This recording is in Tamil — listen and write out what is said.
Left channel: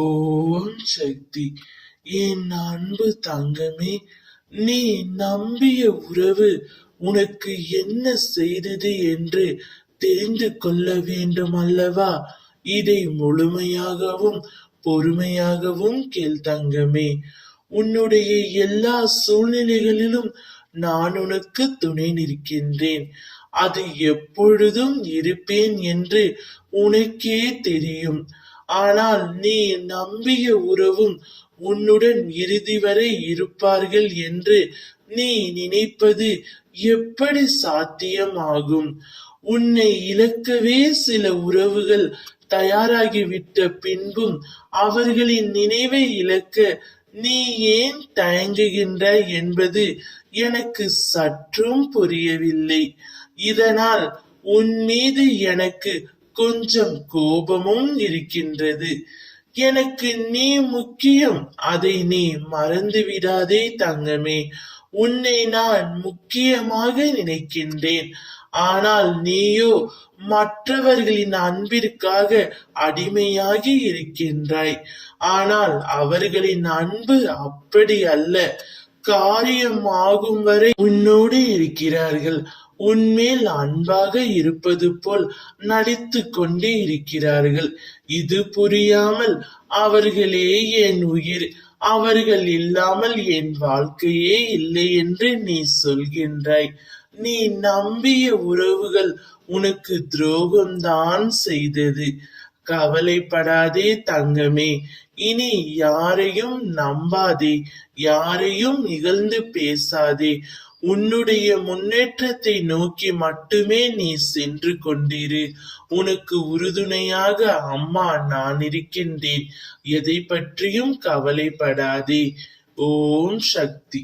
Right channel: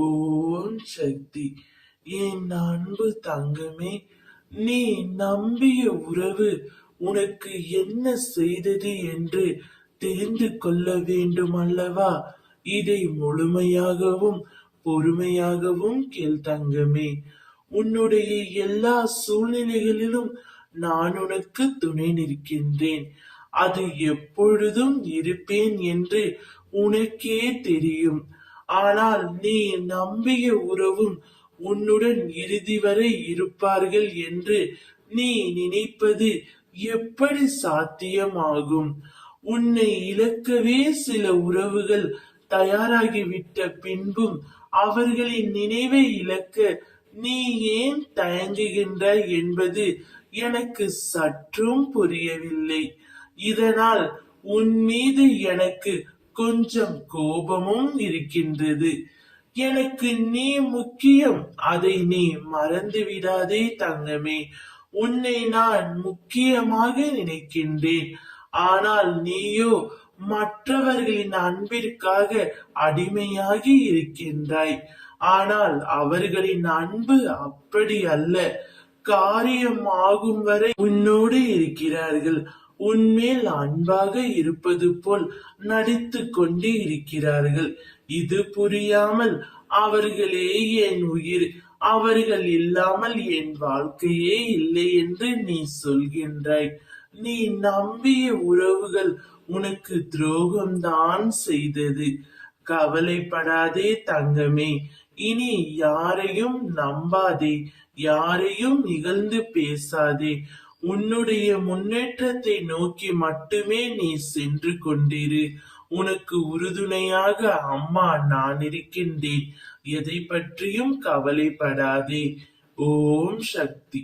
ஓம் சக்தி. என் அன்பு தங்கமே, நீ நம்பிய உறவு உனக்கு என்ன செய்தது என்று தெரிந்து கொள்ள வேண்டும் அல்லவா? இதை முழுமையாகவும் பொறுமையாகவும் கேள் தங்கமே. உன்னுடைய எல்லா சூழ்நிலைகளிலும் நான் உனக்கு துணை நிற்கின்றேன். அது எப்பொழுதும் இருப்பேன் என்று உனக்கே தெரியும். ஆனால் நீ நம்பிய உறவும் உன்னுடன் இறுதி வரை இருப்பார்கள் என்று நீ நினைப்பது எப்படி சாத்தியமாகும்? உன்னை இழக்கவே சில உறவுகள் தயாராகிவிட்ட பின்பும் அவர்களின் நினைவை இழக்க நீ ஏன் தயங்குகின்றாய் என்பது எனக்கு சற்றும் புரியவில்லை. இதனால் உன் மீது எனக்கு கொஞ்சம் கோபமும் இருக்கின்றது. எனக்கு நீ முக்கியம், அதை நீ மறந்து விடாதே தங்கமே. உன்னை நான் முக்கியமாக நினைக்கின்றேன். ஆனால் நீயோ மற்றவர்களின் அன்பிற்காக அடிமையாகி இருக்கின்றாய். ஆனால் அவர்களின் அன்பு அப்படி அல்ல. காரியமாகும் வரை உன்னோடு இருக்கிறார்கள். உன்மேல் அன்பாக இருப்பது போல் நடித்து கொண்டே இருக்கிறார்கள். இது புரியாமல் அவர்களே என் உயிர், அவர்கள் இல்லாமல் என் வாழ்க்கையே இல்லை என்று நீ சொல்கின்றாய். நீ நம்பிய உறவுகள் உனக்கு துரோகம்தான் செய்தது. கவலைப்படாதே தங்கமே. இனி யாரையும் நம்பாதே, யாரையும் இகழ்ந்து பேசாதே. உன்னுடைய முன்னேற்றத்தை நோக்கி மட்டுமே நீ சென்று கொண்டிரு. உனக்கு உறுதுணையாக அம்மா நான் இருக்கின்றேன். எதை பற்றியும் கவலைப்படாதே. ஓம் சக்தி.